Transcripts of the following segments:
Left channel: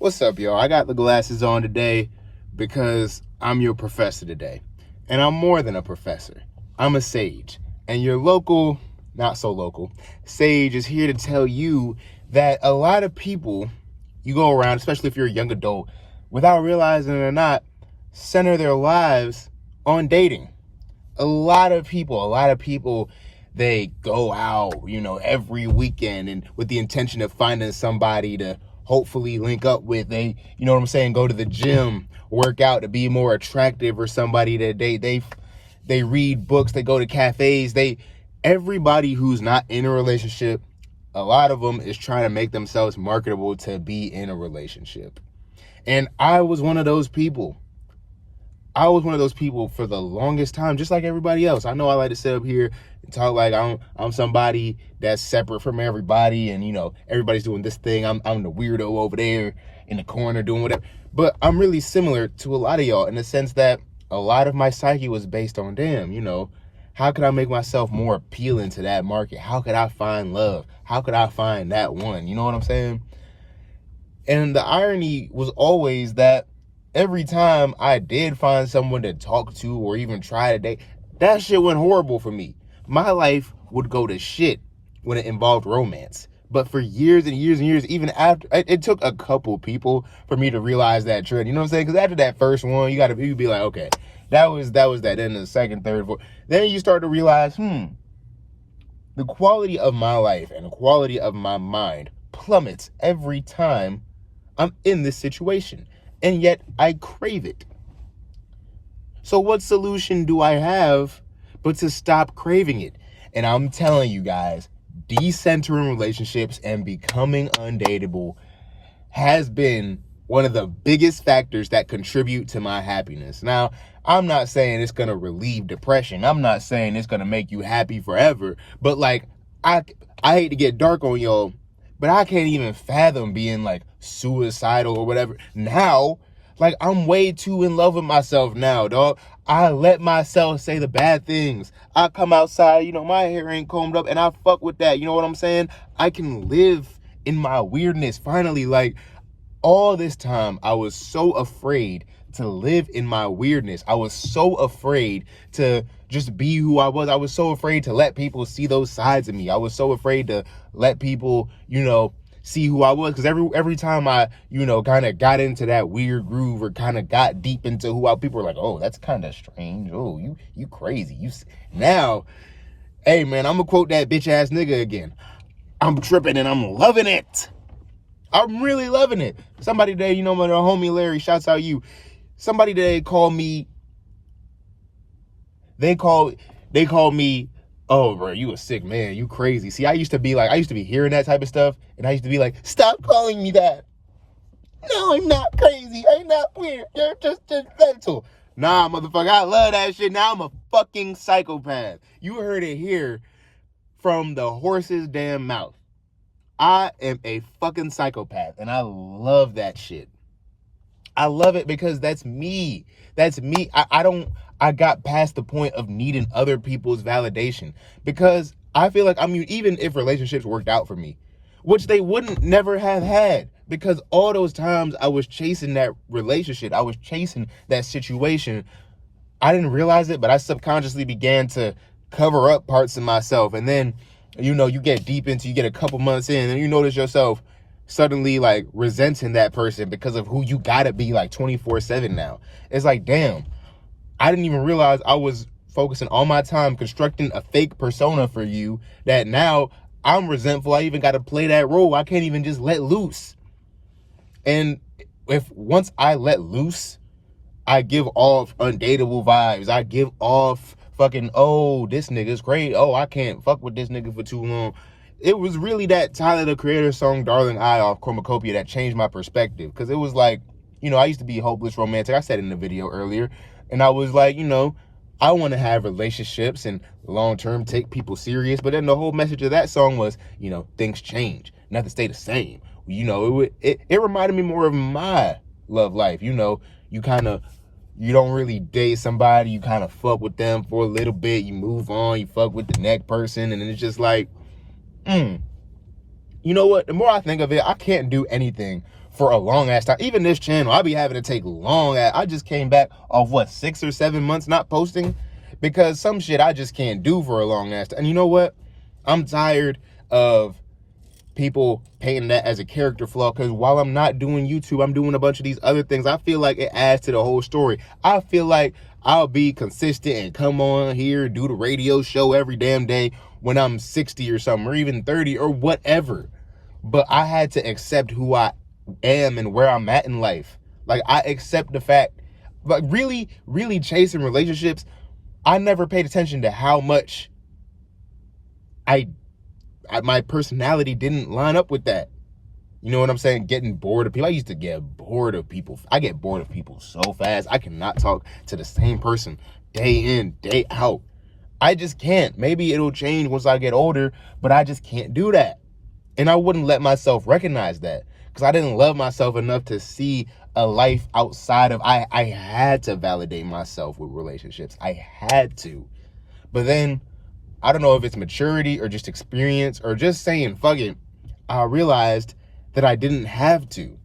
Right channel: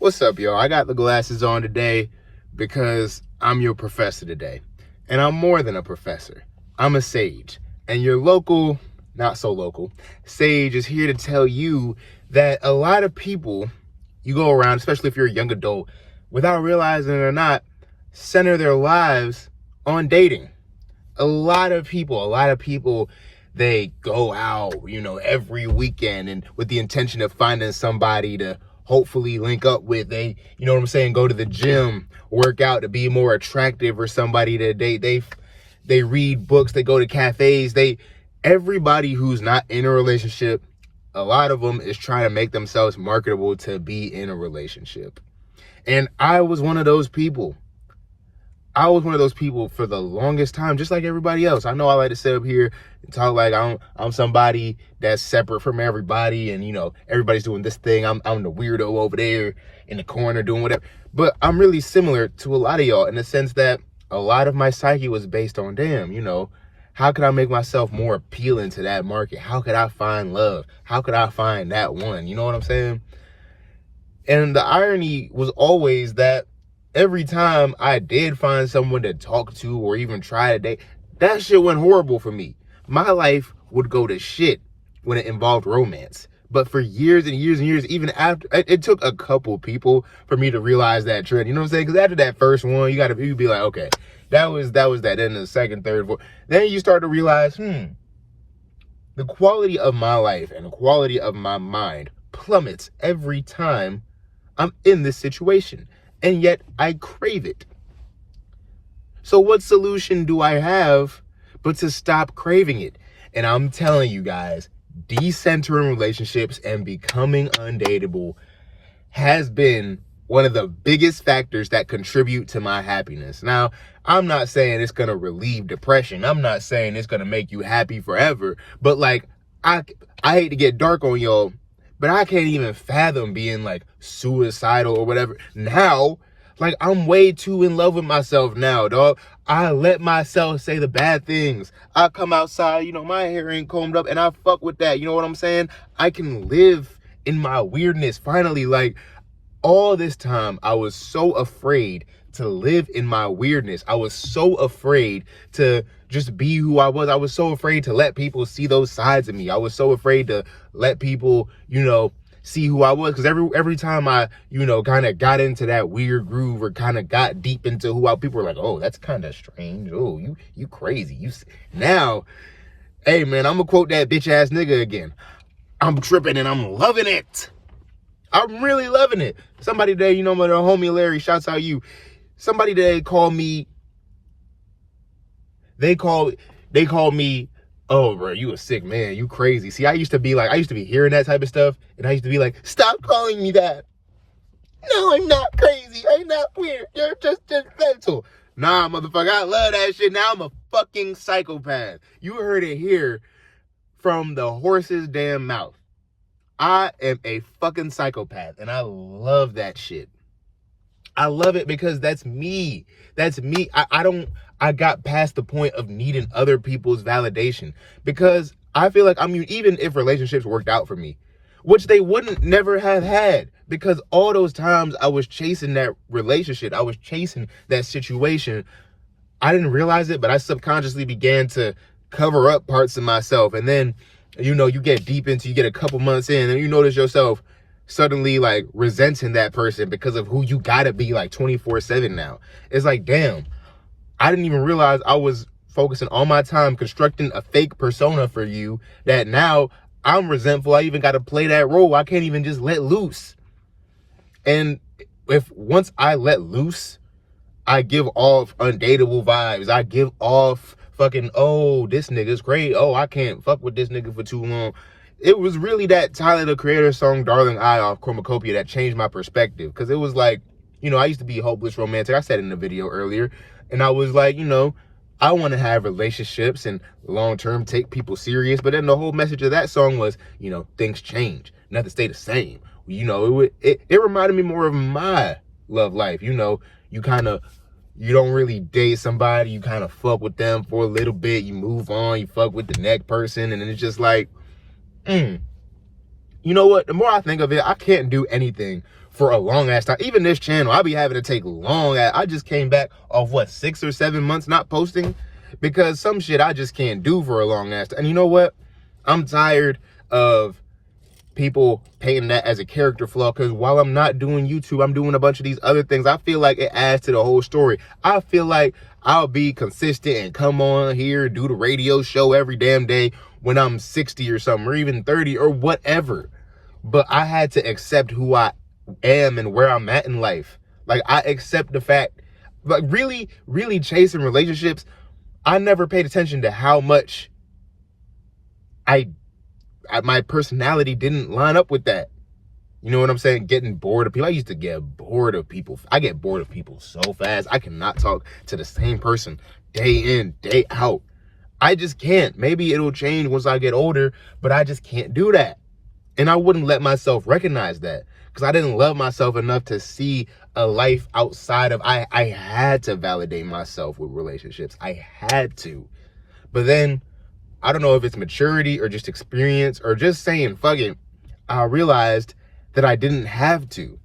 What's up, y'all? I got the glasses on today because I'm your professor today. And I'm more than a professor. I'm a sage. And your local, not so local, sage is here to tell you that a lot of people, you go around, especially if you're a young adult, without realizing it or not, center their lives on dating. A lot of people, they go out, every weekend and with the intention of finding somebody to hopefully link up with. They, what I'm saying, go to the gym, work out to be more attractive or somebody to date. They read books, they go to cafes. Everybody who's not in a relationship, a lot of them is trying to make themselves marketable to be in a relationship. And I was one of those people. For the longest time, just like everybody else. I know I like to sit up here and talk like I'm somebody that's separate from everybody, and everybody's doing this thing. I'm the weirdo over there in the corner doing whatever. But I'm really similar to a lot of y'all in the sense that a lot of my psyche was based on, how could I make myself more appealing to that market? How could I find love? How could I find that one? You know what I'm saying? And the irony was always that every time I did find someone to talk to or even try to date, that shit went horrible for me. My life would go to shit when it involved romance. But for years and years and years, even after, it took a couple people for me to realize that trend. You know what I'm saying? Because after that first one, you'd be like, okay, that was that. Then the second, third, fourth. Then you start to realize, the quality of my life and the quality of my mind plummets every time I'm in this situation. And yet I crave it. So what solution do I have but to stop craving it? And I'm telling you guys, decentering relationships and becoming undateable has been one of the biggest factors that contribute to my happiness. Now, I'm not saying it's going to relieve depression. I'm not saying it's going to make you happy forever. But I hate to get dark on y'all, but I can't even fathom being suicidal or whatever. Now, I'm way too in love with myself now, dog. I let myself say the bad things. I come outside, my hair ain't combed up, and I fuck with that. You know what I'm saying? I can live in my weirdness. Finally, all this time, I was so afraid to live in my weirdness. I was so afraid to just be who I was. I was so afraid to let people see those sides of me. I was so afraid to let people, see who I was. Because every time I, kind of got into that weird groove or kind of got deep into who people were like, oh, that's kind of strange. Oh, you crazy. Now, hey, man, I'm going to quote that bitch ass nigga again. I'm tripping and I'm loving it. I'm really loving it. Somebody today, my homie Larry, shouts out you. Somebody today called me. They called me, oh, bro, you a sick man. You crazy. See, I used to be hearing that type of stuff, and I used to be like, stop calling me that. No, I'm not crazy. I'm not weird. You're just judgmental. Nah, motherfucker, I love that shit. Now I'm a fucking psychopath. You heard it here from the horse's damn mouth. I am a fucking psychopath, and I love that shit. I love it because that's me. That's me. I got past the point of needing other people's validation because I feel like even if relationships worked out for me, which they wouldn't never have had, because all those times I was chasing that relationship, I was chasing that situation, I didn't realize it, but I subconsciously began to cover up parts of myself. And then, you get deep into, you get a couple months in and you notice yourself suddenly resenting that person because of who you gotta be 24/7 now. It's like, damn, I didn't even realize I was focusing all my time constructing a fake persona for you that now I'm resentful. I even got to play that role. I can't even just let loose. And once I let loose, I give off undateable vibes. I give off fucking, oh, this nigga's great. Oh, I can't fuck with this nigga for too long. It was really that Tyler, the Creator song, Darling I off Chromacopia that changed my perspective. Because it was I used to be hopeless romantic. I said it in the video earlier. And I was like, I want to have relationships and long-term take people serious. But then the whole message of that song was, things change. Nothing stay the same. It reminded me more of my love life. You don't really date somebody. You kind of fuck with them for a little bit. You move on. You fuck with the next person. And then it's just you know what? The more I think of it, I can't do anything for a long ass time. Even this channel, I'll be having to take I just came back off, what, 6 or 7 months not posting? Because some shit I just can't do for a long ass time. And you know what? I'm tired of people painting that as a character flaw, because while I'm not doing YouTube, I'm doing a bunch of these other things. I feel like it adds to the whole story. I feel like I'll be consistent and come on here, do the radio show every damn day when I'm 60 or something, or even 30 or whatever. But I had to accept who I am and where I'm at in life. Like, I accept the fact, like, really, really chasing relationships, I never paid attention to how much my personality didn't line up with that. You know what I'm saying? Getting bored of people. I used to get bored of people. I get bored of people so fast. I cannot talk to the same person day in, day out. I just can't. Maybe it'll change once I get older, but I just can't do that. And I wouldn't let myself recognize that, because I didn't love myself enough to see a life outside of, I had to validate myself with relationships. I had to. But then, I don't know if it's maturity or just experience or just saying, fuck it, I realized that I didn't have to.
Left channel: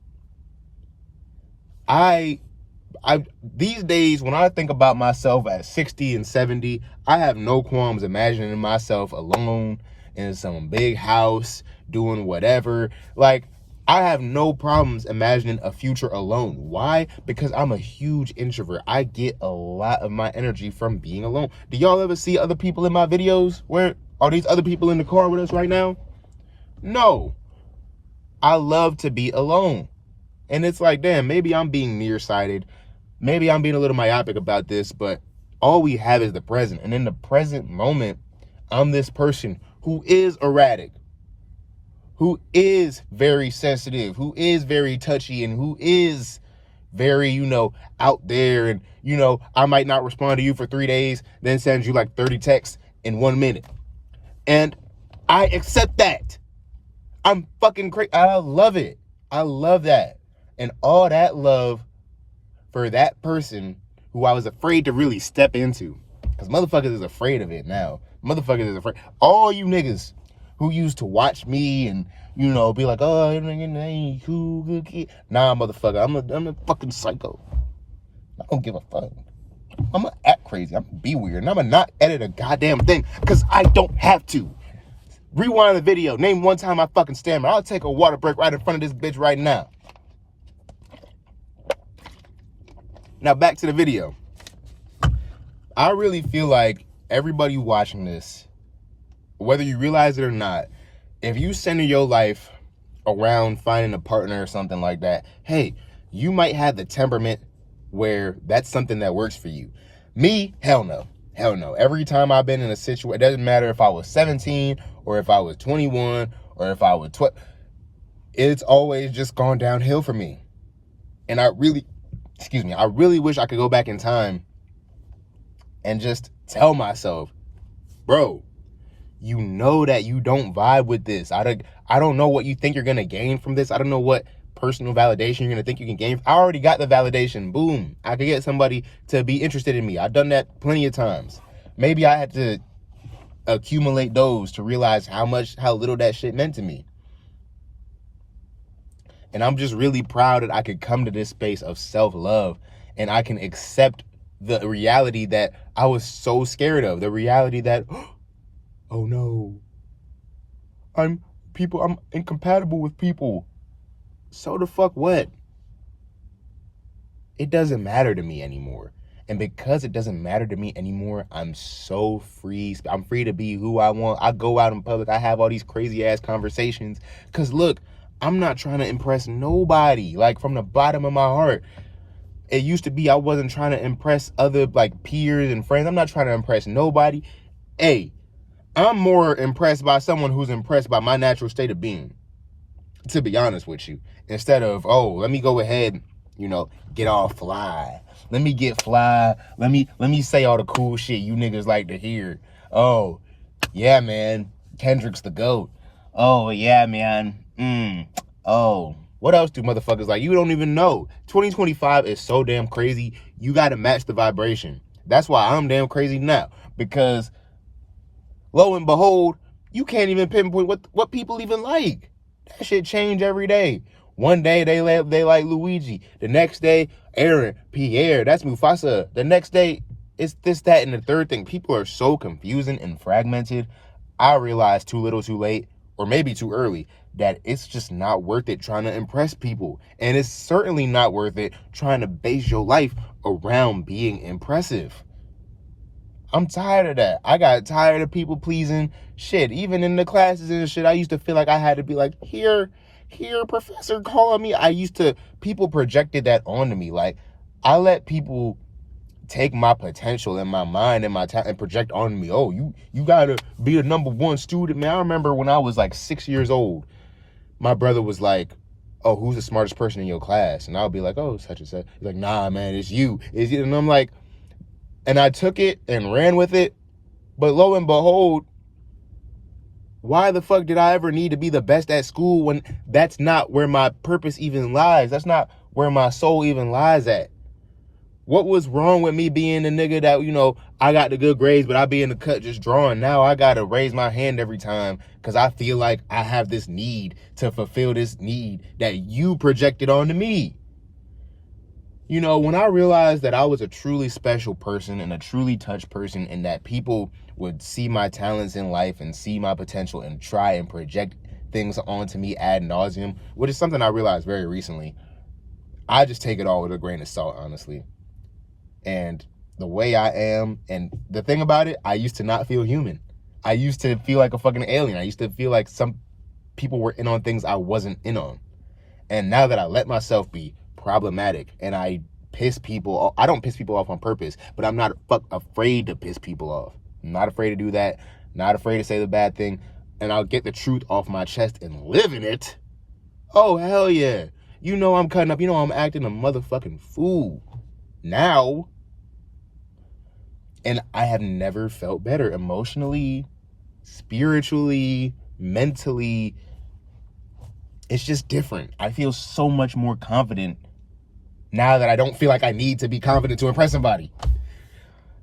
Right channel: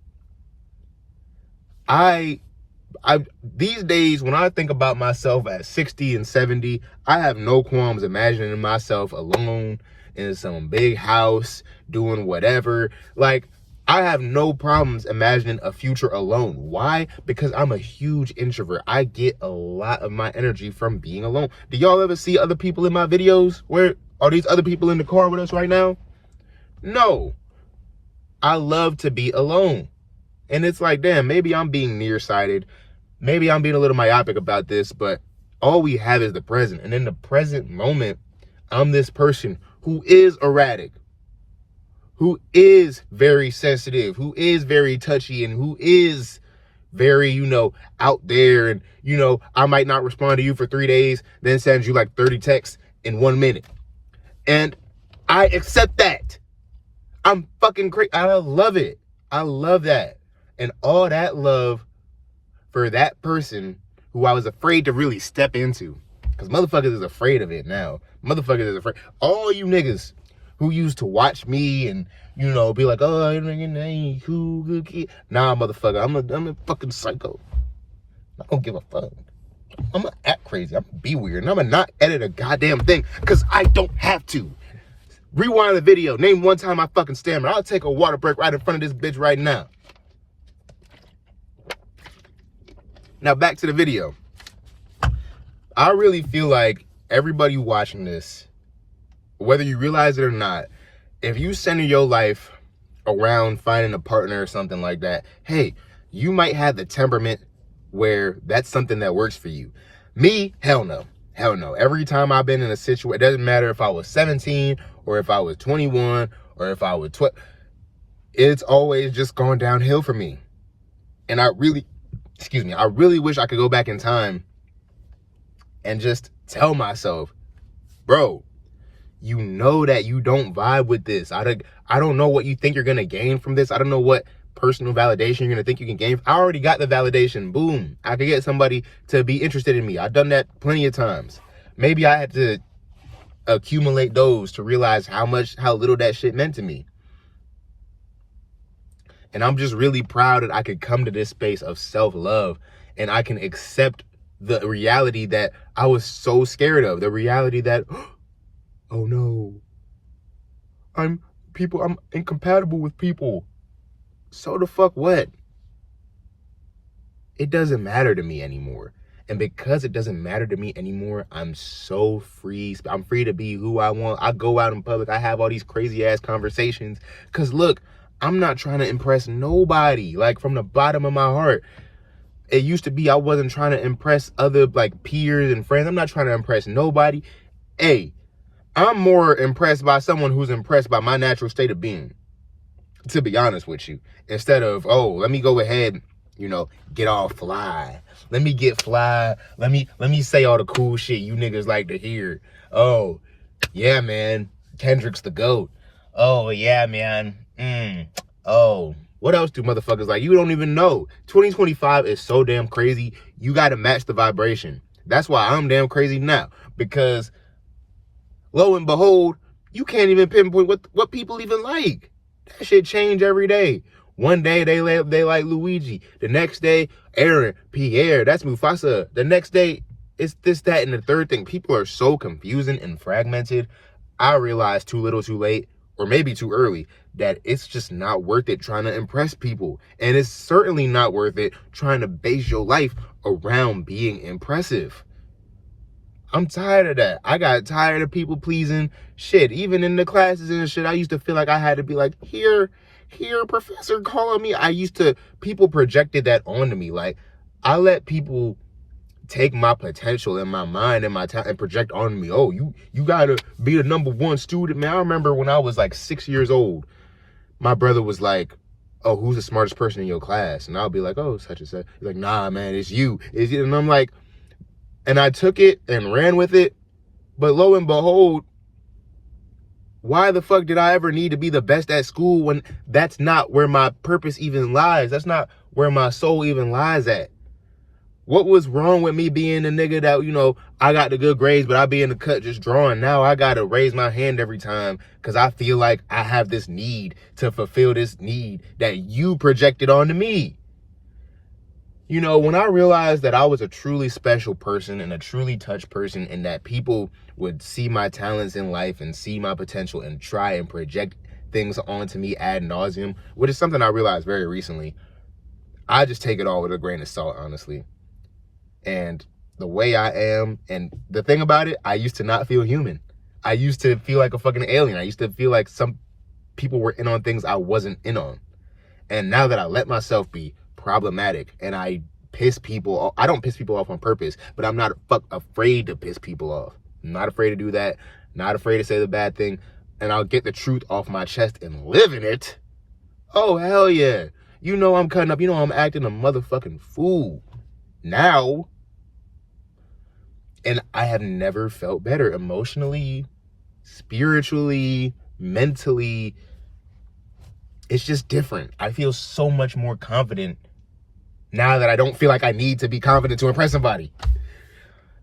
These days, when I think about myself at 60 and 70, I have no qualms imagining myself alone in some big house, doing whatever. Like, I have no problems imagining a future alone. Why? Because I'm a huge introvert. I get a lot of my energy from being alone. Do y'all ever see other people in my videos? Where are these other people in the car with us right now? No. I love to be alone. And it's like, damn, maybe I'm being nearsighted. Maybe I'm being a little myopic about this, but all we have is the present. And in the present moment, I'm this person who is erratic, who is very sensitive, who is very touchy, and who is very, out there. And, I might not respond to you for 3 days, then send you like 30 texts in 1 minute. And I accept that. I'm fucking crazy. I love it. I love that. And all that love for that person who I was afraid to really step into. Because motherfuckers is afraid of it now. Motherfuckers is afraid. All you niggas who used to watch me and, be like, oh, you cool, good kid. Nah, motherfucker, I'm a fucking psycho. I don't give a fuck. I'm gonna act crazy. I'm gonna be weird. And I'm gonna not edit a goddamn thing because I don't have to. Rewind the video. Name one time I fucking stammer. I'll take a water break right in front of this bitch right now. Now back to the video. I really feel like everybody watching this, whether you realize it or not, if you center your life around finding a partner or something like that, hey, you might have the temperament where that's something that works for you. Me, hell no. Hell no. Every time I've been in a situation, it doesn't matter if I was 17 or if I was 21 or if I was 12, it's always just gone downhill for me. And I really wish I could go back in time and just tell myself, bro, you know that you don't vibe with this. I don't know what you think you're going to gain from this. I don't know what personal validation you're going to think you can gain. I already got the validation. Boom. I could get somebody to be interested in me. I've done that plenty of times. Maybe I had to accumulate those to realize how little that shit meant to me. And I'm just really proud that I could come to this space of self-love and I can accept the reality that I was so scared of. The reality that, oh no, I'm incompatible with people. So the fuck what? It doesn't matter to me anymore. And because it doesn't matter to me anymore, I'm so free. I'm free to be who I want. I go out in public. I have all these crazy ass conversations. Because look, I'm not trying to impress nobody. Like, from the bottom of my heart. It used to be I wasn't trying to impress other like peers and friends. I'm not trying to impress nobody. Hey, I'm more impressed by someone who's impressed by my natural state of being, to be honest with you. Instead of, oh, let me go ahead, get all fly. Let me get fly. Let me say all the cool shit you niggas like to hear. Oh, yeah, man. Kendrick's the GOAT. Oh, yeah, man. Oh, what else do motherfuckers like? You don't even know. 2025 is so damn crazy. You got to match the vibration. That's why I'm damn crazy now. Because, lo and behold, you can't even pinpoint what people even like. That shit change every day. One day they like Luigi. The next day, Aaron, Pierre, that's Mufasa. The next day, it's this, that, and the third thing. People are so confusing and fragmented. I realized too little too late, or maybe too early, that it's just not worth it trying to impress people. And it's certainly not worth it trying to base your life around being impressive. I'm tired of that. I got tired of people pleasing. Shit, even in the classes and shit, I used to feel like I had to be like, here, professor, calling me. People projected that onto me. Like, I let people take my potential and my mind and my talent and project on me. Oh, you gotta be a number one student, man. I remember when I was like 6 years old, my brother was like, oh, who's the smartest person in your class? And I'll be like, oh, such and such. He's like, nah, man, it's you. It's you. And I'm like, and I took it and ran with it. But lo and behold, why the fuck did I ever need to be the best at school when that's not where my purpose even lies? That's not where my soul even lies at. What was wrong with me being the nigga that, you know, I got the good grades, but I be in the cut just drawing? Now I got to raise my hand every time because I feel like I have this need to fulfill this need that you projected onto me. You know, when I realized that I was a truly special person and a truly touched person, and that people would see my talents in life and see my potential and try and project things onto me ad nauseum, which is something I realized very recently, I just take it all with a grain of salt, honestly. And the way I am, and the thing about it, I used to not feel human. I used to feel like a fucking alien. I used to feel like some people were in on things I wasn't in on. And now that I let myself be problematic and I piss people off, I don't piss people off on purpose, but I'm not afraid to piss people off. I'm not afraid to do that. Not afraid to say the bad thing. And I'll get the truth off my chest and live in it. Oh, hell yeah. You know I'm cutting up. You know I'm acting a motherfucking fool now. And I have never felt better emotionally, spiritually, mentally. It's just different. I feel so much more confident now that I don't feel like I need to be confident to impress somebody.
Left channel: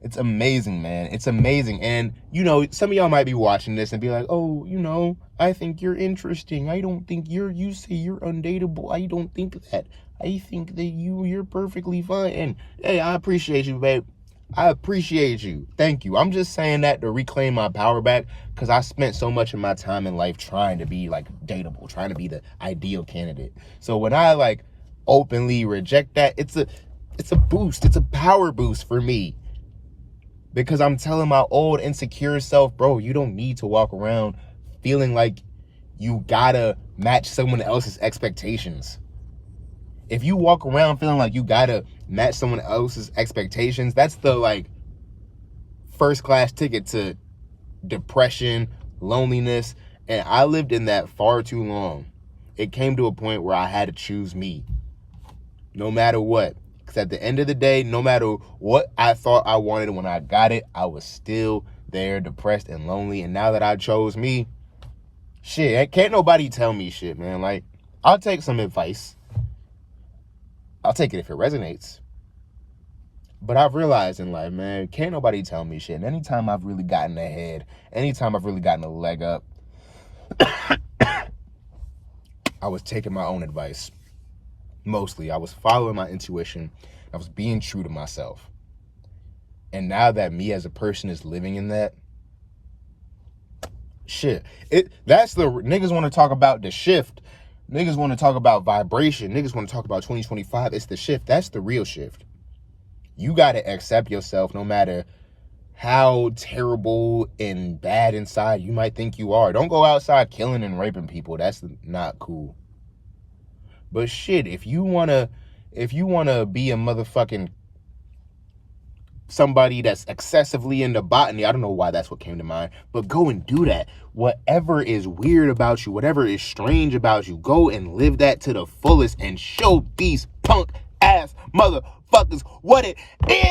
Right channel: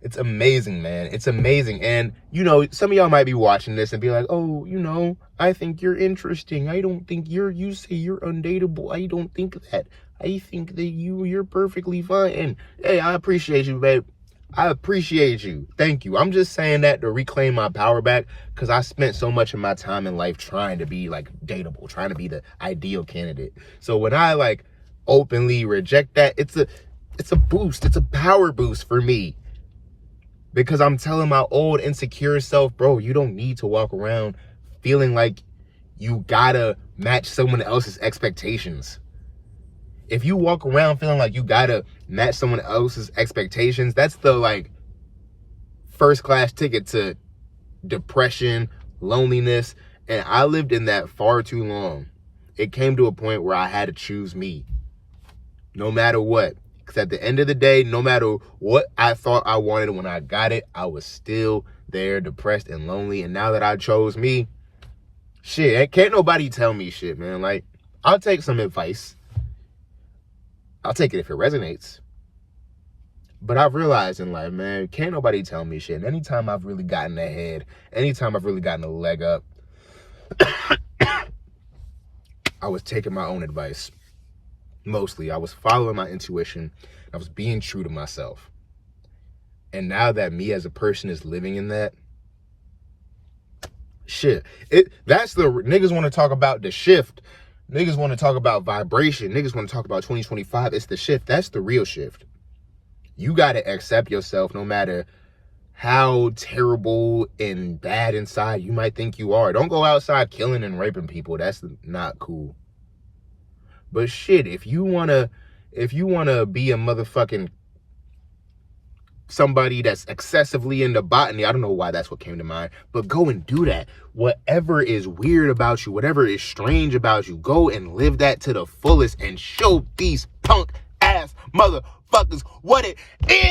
It's amazing, man. It's amazing. And, you know, some of y'all might be watching this and be like, oh, you know, I think you're interesting. I don't think you say you're undateable. I don't think that. I think that you're perfectly fine. And, hey, I appreciate you, babe. I appreciate you. Thank you. I'm just saying that to reclaim my power back because I spent so much of my time in life trying to be like dateable, trying to be the ideal candidate. So when I like openly reject that, it's a boost. It's a power boost for me because I'm telling my old insecure self, bro, you don't need to walk around feeling like you gotta match someone else's expectations. If you walk around feeling like you gotta match someone else's expectations, that's the like first class ticket to depression, loneliness. And I lived in that far too long. It came to a point where I had to choose me, no matter what. Because at the end of the day, no matter what I thought I wanted when I got it, I was still there, depressed and lonely. And now that I chose me, shit, can't nobody tell me shit, man. Like, I'll take some advice. I'll take it if it resonates. But I've realized in life, man, can't nobody tell me shit. And anytime I've really gotten ahead, anytime I've really gotten a leg up, I was taking my own advice. Mostly, I was following my intuition. I was being true to myself. And now that me as a person is living in that, shit, that's the niggas want to talk about the shift. Niggas want to talk about vibration. Niggas want to talk about 2025. It's the shift. That's the real shift. You got to accept yourself no matter how terrible and bad inside you might think you are. Don't go outside killing and raping people. That's not cool. But shit, if you want to be a motherfucking somebody that's excessively into botany, I don't know why that's what came to mind, but go and do that. Whatever is weird about you, whatever is strange about you, go and live that to the fullest and show these punk ass motherfuckers what it is.